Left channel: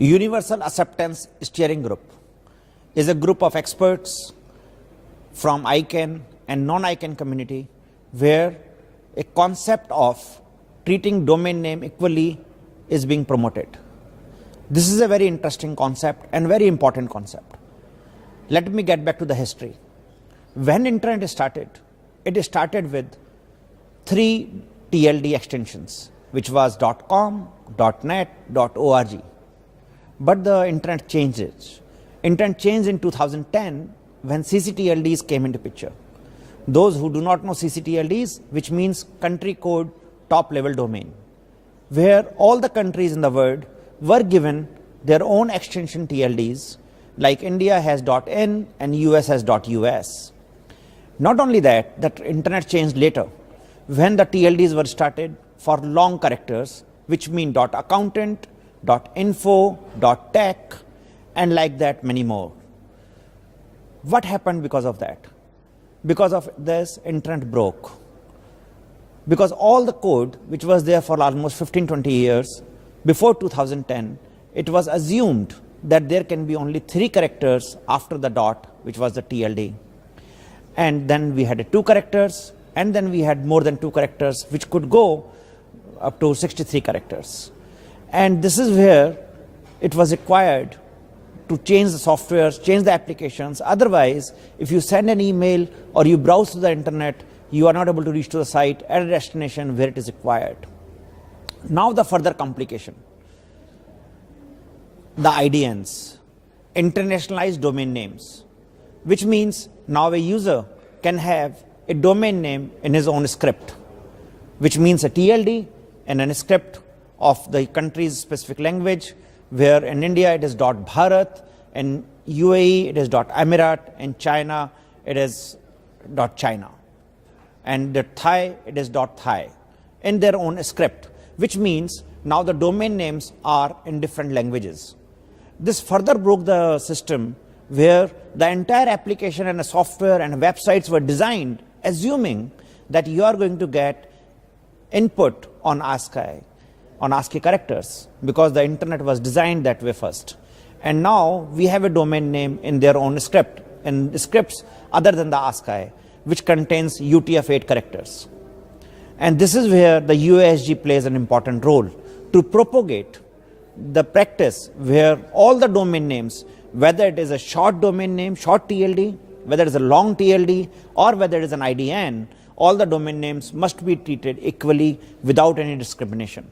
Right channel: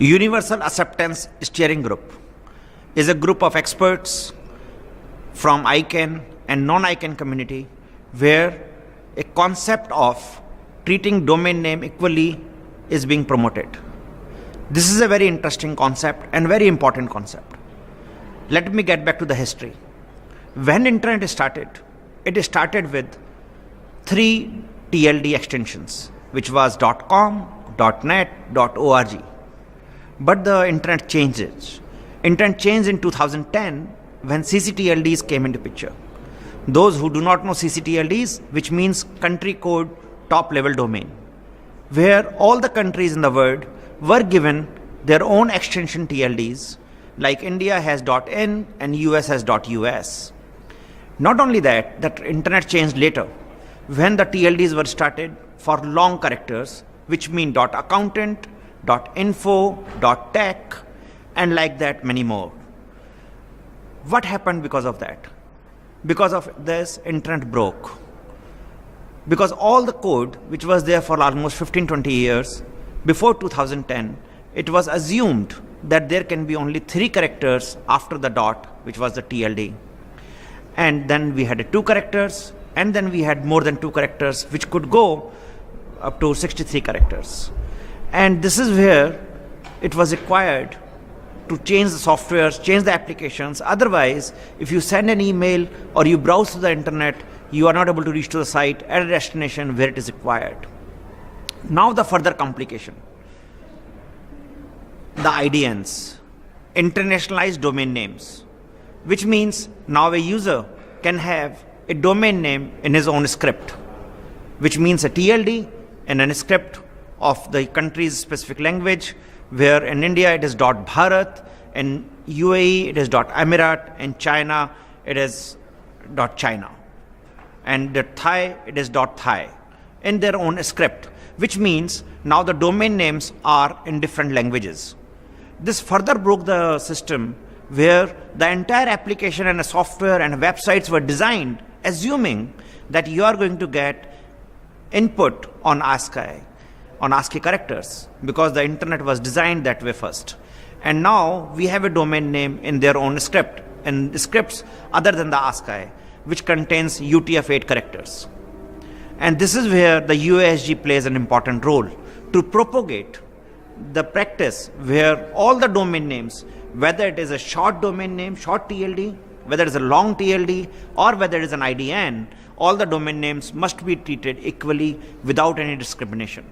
Universal Acceptance Steering Group is a group of experts from ICANN and non-ICANN community where a concept of treating domain name equally is being promoted. This is a very interesting concept and very important concept. Let me get back to the history. When internet started, it started with 3 TLD extensions, which was .com, .net, .org. But the internet changed. Internet changed in 2010 when CCTLDs came into picture. Those who do not know CCTLDs, which means country code top level domain, where all the countries in the world were given their own extension TLDs, like India has .in and US has .us. Not only that, the internet changed later when the TLDs were started for long characters, which mean .accountant, .info, .tech, and like that many more. What happened because of that? Because of this, internet broke. Because all the code which was there for almost 15-20 years before 2010, it was assumed that there can be only 3 characters after the dot, which was the TLD. And then we had 2 characters, and then we had more than 2 characters, which could go up to 63 characters. And this is where it was required to change the softwares, change the applications. Otherwise, if you send an email or you browse through the internet, you are not able to reach to the site at a destination where it is required. Now the further complication. The IDNs, internationalized domain names, which means now a user can have a domain name in his own script, which means a TLD and a script of the country's specific language, where in India it is .bharat, in UAE it is .emirat, in China it is .china, and the Thai it is .thai, in their own script, which means now the domain names are in different languages. This further broke the system where the entire application and the software and websites were designed assuming that you are going to get input on ASCII characters, because the internet was designed that way first. And now we have a domain name in their own script, and scripts other than the ASCII, which contains UTF-8 characters. And this is where the UASG plays an important role to propagate the practice where all the domain names, whether it is a short domain name, short TLD, whether it is a long TLD, or whether it is an IDN, all the domain names must be treated equally without any discrimination.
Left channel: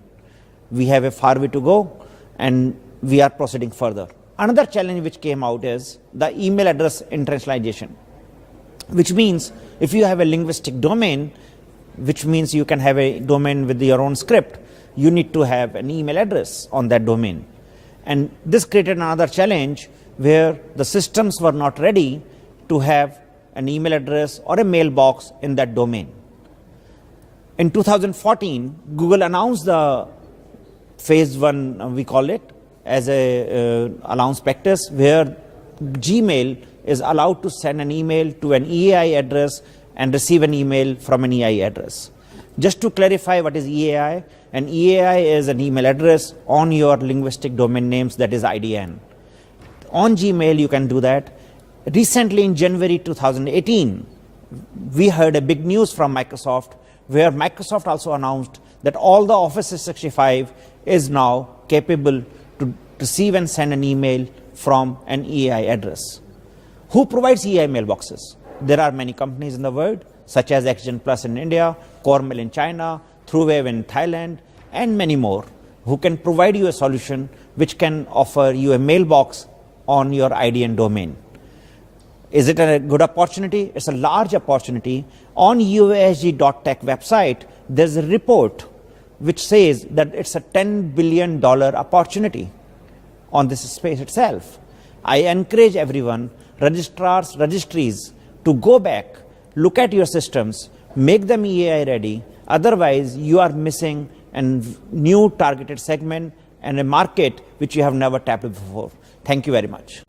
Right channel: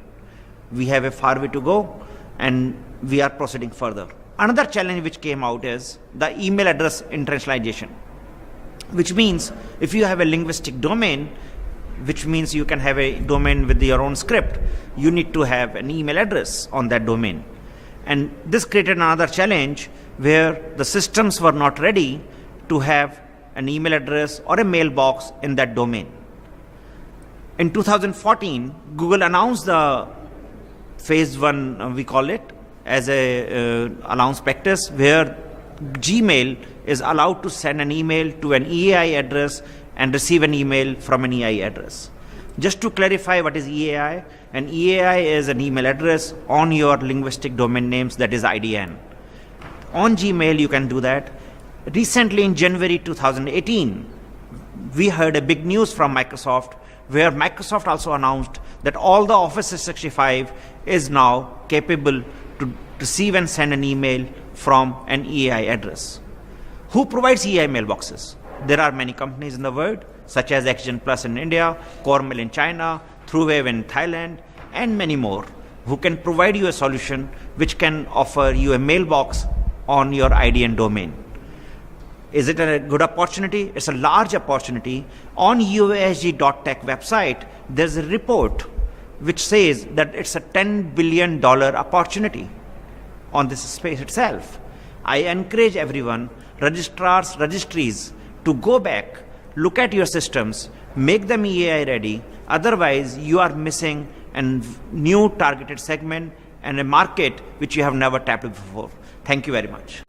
We have a far way to go, and we are proceeding further. Another challenge which came out is the email address internationalization, which means if you have a linguistic domain, which means you can have a domain with your own script, you need to have an email address on that domain. And this created another challenge where the systems were not ready to have an email address or a mailbox in that domain. In 2014, Google announced the phase 1, we call it, as a allowance practice where Gmail is allowed to send an email to an EAI address and receive an email from an EAI address. Just to clarify what is EAI, an EAI is an email address on your linguistic domain names, that is IDN. On Gmail you can do that. Recently in January 2018, we heard a big news from Microsoft where Microsoft also announced that all the Office 365 is now capable to receive and send an email from an EAI address. Who provides EAI mailboxes? There are many companies in the world, such as XgenPlus in India, Coremail in China, TrueWave in Thailand, and many more, who can provide you a solution which can offer you a mailbox on your IDN domain. Is it a good opportunity? It's a large opportunity. On UASG.tech website, there's a report which says that it's a $10 billion opportunity on this space itself. I encourage everyone, registrars, registries, to go back, look at your systems, make them EAI ready. Otherwise, you are missing a new targeted segment and a market which you have never tapped before. Thank you very much.